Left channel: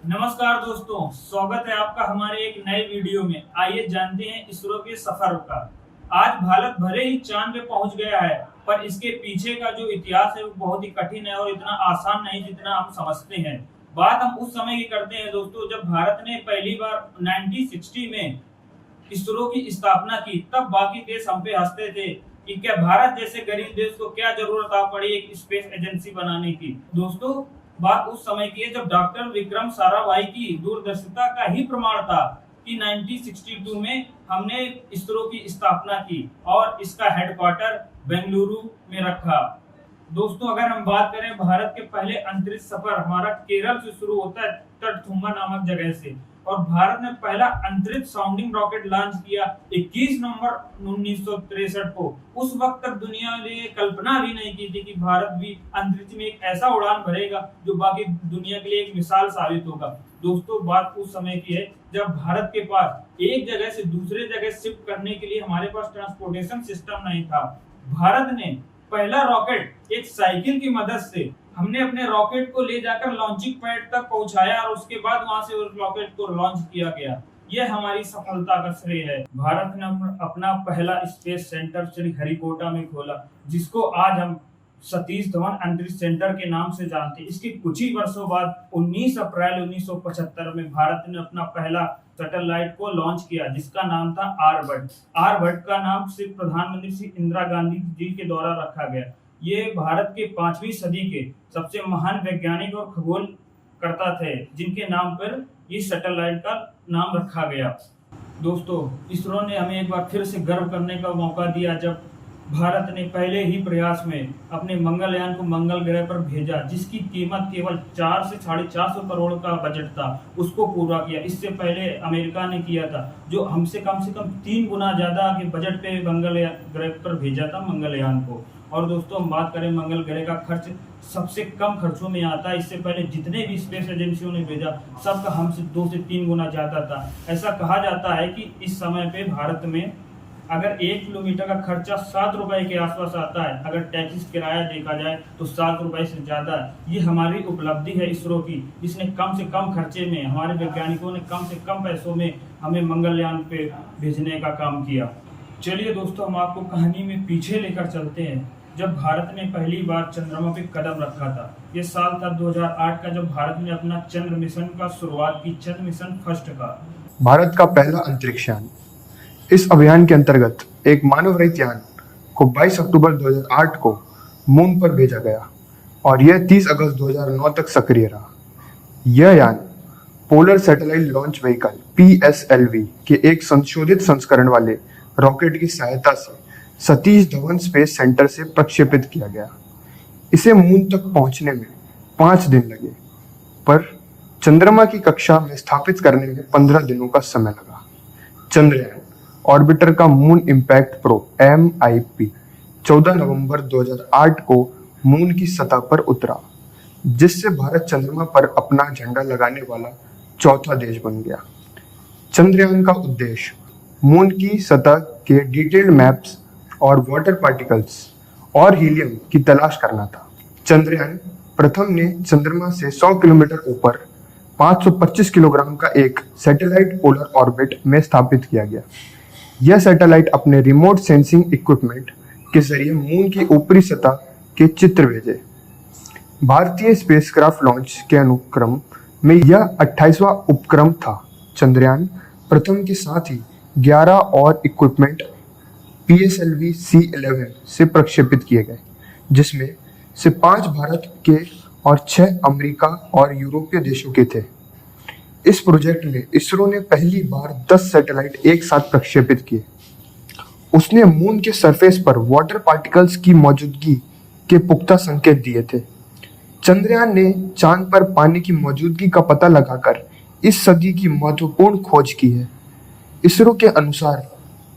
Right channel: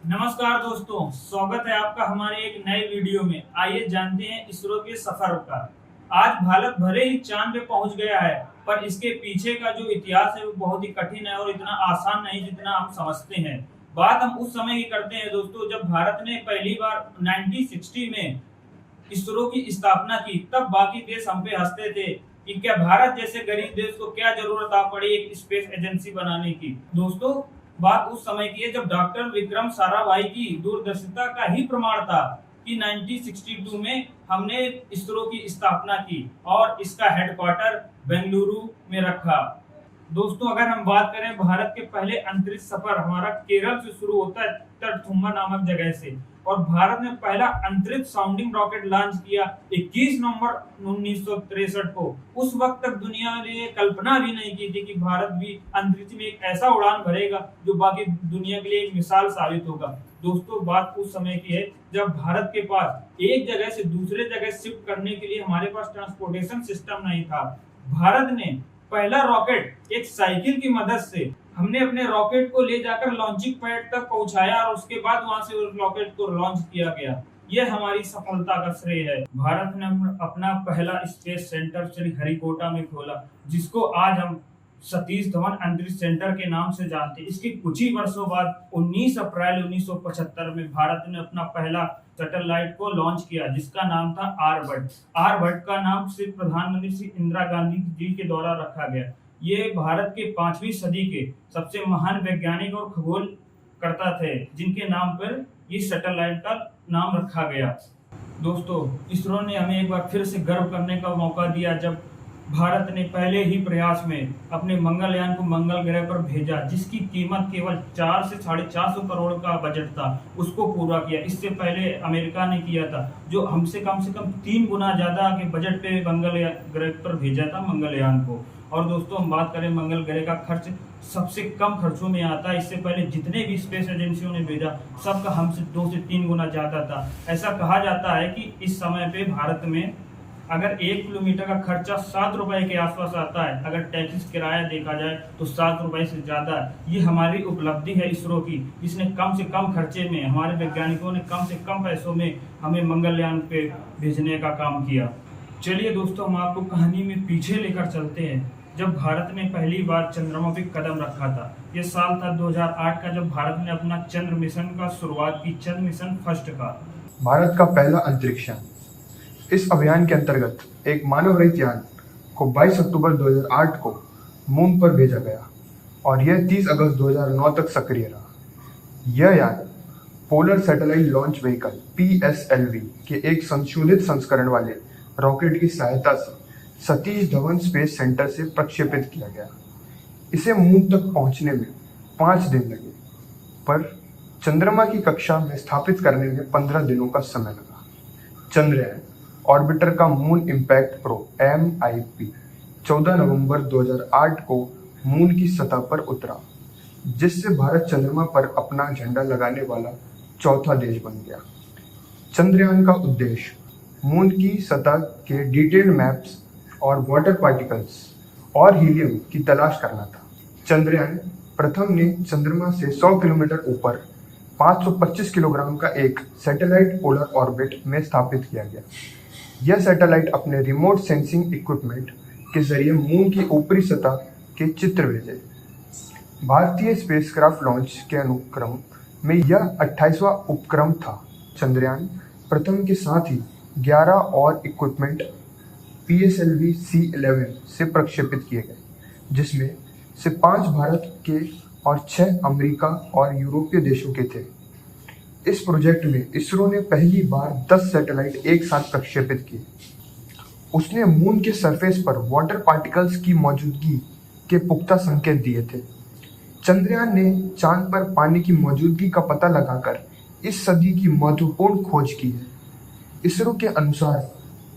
नमस्कार दोस्तों, स्वागत है आपका हमारे एक नए वीडियो में। आइए जानते हैं इसरो के सफर का। आज भारत भले ही चांद पे पहुंच गया है, पर इसके पीछे का जो इतिहास है वो बहुत ही कठिन है और इतना आसान नहीं जितना हम समझते हैं। बात हम उस समय की करते हैं दोस्तों, जब भारत ने पहली बार 1960 में इसरो की स्थापना की। तब बाकी देश हम पे हंसते थे कि क्या भारत जैसे गरीब देश को क्या जरूरत आ पड़ी एक स्पेस एजेंसी बनाने की। दोस्तों, बात उस समय की है जब डॉक्टर विक्रम साराभाई की दूरदर्शिता का ही प्रमाण था कि 1962 में हमने इसरो की स्थापना की और इसका हेडक्वार्टर बेंगलुरु में रखा। दोस्तों, अगर हम बात करें भारत के पहले अंतरिक्ष सफर हमारा केरल से शुरू होता है, तटथुम्बा नामक जगह से। और भारत ने पहला अंतरिक्ष साउंडिंग रॉकेट लॉन्च किया 21 नवंबर 1963 को। उस वक्त तक दुनिया ने कल्पना भी नहीं की थी कि भारत भी अंतरिक्ष में एक ऐसा उड़ान भरेगा जो बाकी दुनिया के लिए एक मिसाल साबित होगा। दोस्तों, बात उस समय की है जब भारत के पास एक जगह से दूसरे जगह शिफ्ट करने के लिए हमारे पास ट्रांसपोर्टेशन सिस्टम नहीं था। भारत ने पहला रॉकेट एक साइकिल की मदद से हमने अपने रॉकेट को ले जाकर लॉन्चिंग पैड तक पहुंचाया और उसके बाद वहां से उस रॉकेट को लॉन्च किया गया। यह हमारी सफलता का श्रेय है। भारत ने अपना पहला स्पेस सेंटर श्रीहरिकोटा में खोला, जिसको आज हम सतीश धवन अंतरिक्ष सेंटर के नाम से जानते हैं। इसके कुछ ही वर्षों बाद 19 अप्रैल 1975 में भारत ने अपना पहला सैटेलाइट को लॉन्च किया, जिसका नाम था आर्यभट्ट। आर्यभट्ट का नाम सिर्फ प्रधानमंत्री श्री इंदिरा गांधी जी के द्वारा रखा गया। ये भारत के 5वीं सदी के सबसे महान वैज्ञानिक और खगोलकर्ता थे, जिनके नाम पर इस सैटेलाइट का नाम रखा गया। दोस्तों, इसरो ने हमें एक बार फिर से गर्व करने का मौका दिया जब भारत ने पहले ही प्रयास में अपने मंगलयान को मंगल ग्रह पर भेजा, जिसकी कीमत केवल 4 से 450 करोड़ का बजट था, उसको पूरा किया। इससे पहले अमेरिका ने किया था, जो हमसे कम से कम 3 गुना ज्यादा के बजट पे मंगल ग्रह पर भेजा था मंगलयान को। और दोस्तों, हम बात करें मंगल ग्रह का खर्च सबसे कम खर्चों में आता है। इससे पहले जितने भी स्पेस एजेंसियों ने भेजा सबका हमसे 2 से 3 गुना ज्यादा था। ऐसा कहा जाता है कि इस समय पे भारत में अगर 1 किलोमीटर का खर्चा 7 रुपए के आसपास आता है, अगर टैक्सी किराया देखा जाए तो 7 रुपए से ज्यादा है। ये हमारी उपलब्धि है इसरो की, जिसने कम से कम खर्चे में, हमारे वैज्ञानिकों ने कम से कम पैसों में हमें मंगलयान पे भेजने का काम किया। चलिए दोस्तों, हम आपको कहानी में पीछे लेकर चलते हैं, जब भारत ने पहली बार चंद्रमा पे कदम रखा था। यह साल था 2008 का, जब भारत ने अपना चंद्र मिशन का शुरुआत की, चंद्र मिशन फर्स्ट का। भारत का पहला अंतरिक्ष यान। इस अभियान के अंतर्गत एक मानव रहित यान को 22 अक्टूबर 2008 को मून पर भेजा गया और यह 30 अगस्त 2009 तक सक्रिय रहा। यह यान polar satellite launch vehicle PSLV के एक संशोधित संस्करण वाले रॉकेट की सहायता से सतीश धवन स्पेस सेंटर से प्रक्षेपित किया गया। इसे मून तक पहुंचने में 5 दिन लगे, पर चंद्रमा की कक्षा में स्थापित करने में 15 दिनों का समय लगा। चंद्रयान ऑर्बिटर का मून इम्पैक्ट प्रोब MIP 14 नवंबर 2008 को मून की सतह पर उतरा, जिससे भारत चंद्रमा पर अपना झंडा लगाने वाला चौथा देश बन गया। चंद्रयान का उद्देश्य मून की सतह के डिटेल्ड मैप्स और वाटर पार्टिकल्स और हीलियम की तलाश करना था। चंद्रयान प्रथम ने चंद्रमा से 100 किलोमीटर ऊपर 525 किलोग्राम का एक सैटेलाइट पोलर ऑर्बिट में स्थापित किया गया। यह सैटेलाइट अपने रिमोट सेंसिंग इक्विपमेंट के जरिए मून की ऊपरी सतह के चित्र भेजे। भारतीय स्पेसक्राफ्ट लॉन्च के अनुक्रम में यह 28वां उपक्रम था। चंद्रयान प्रथम के साथ ही 11 और इक्विपमेंट PSLV C11 से प्रक्षेपित किए गए, जिसमें से 5 भारत के और 6 अमेरिका और यूरोपीय देशों के थे। इस प्रोजेक्ट में इसरो ने पहली बार 10 सैटेलाइट एक साथ प्रक्षेपित किए। उसने मून के सरफेस पर वाटर पार्टिकल्स की मौजूदगी के पुख्ता संकेत दिए थे। चंद्रयान ने चांद पर पानी की मौजूदगी का पता लगाकर इस सदी की महत्वपूर्ण खोज की है। इसरो के अनुसार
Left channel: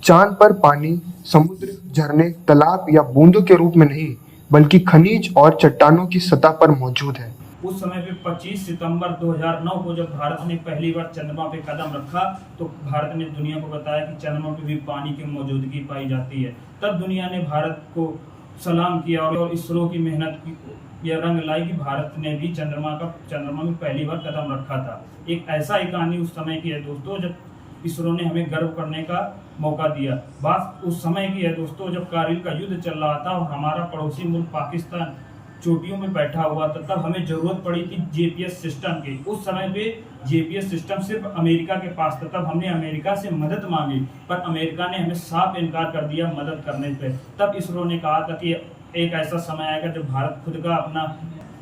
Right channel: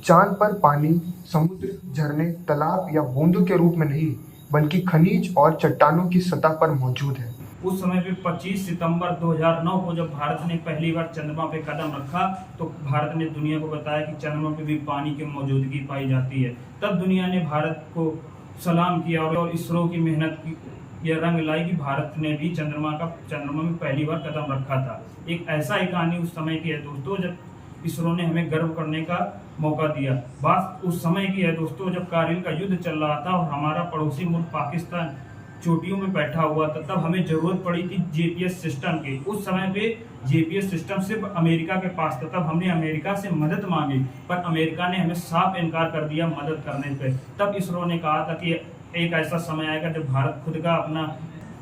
चांद पर पानी समुद्र, झरने, तालाब या बूंदों के रूप में नहीं, बल्कि खनिज और चट्टानों की सतह पर मौजूद है। उस समय पे 25 सितंबर 2009 को जब भारत ने पहली बार चंद्रमा पे कदम रखा, तो भारत ने दुनिया को बताया कि चंद्रमा पे भी पानी की मौजूदगी पाई जाती है। तब दुनिया ने भारत को सलाम किया और इसरो की मेहनत यह रंग लाई कि भारत ने भी चंद्रमा में पहली बार कदम रखा था। एक ऐसा ही कहानी उस समय की है दोस्तों, जब इसरो ने हमें गर्व करने का मौका दिया। बात उस समय की है दोस्तों, जब कारगिल का युद्ध चल रहा था और हमारा पड़ोसी मुल्क पाकिस्तान चोटियों में बैठा हुआ था, तब हमें जरूरत पड़ी थी जीपीएस सिस्टम की। उस समय पे जीपीएस सिस्टम सिर्फ अमेरिका के पास था। तब हमने अमेरिका से मदद मांगी, पर अमेरिका ने हमें साफ इनकार कर दिया मदद करने पे। तब इसरो ने कहा था कि एक ऐसा समय आएगा जब भारत खुद का अपना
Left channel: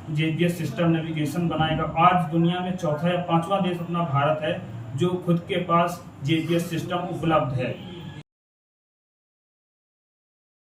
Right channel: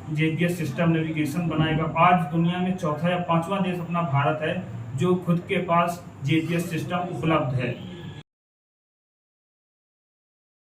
जीपीएस सिस्टम नेविगेशन बनाएगा। आज दुनिया में चौथा या पांचवा देश अपना भारत है जो खुद के पास जीपीएस सिस्टम उपलब्ध है।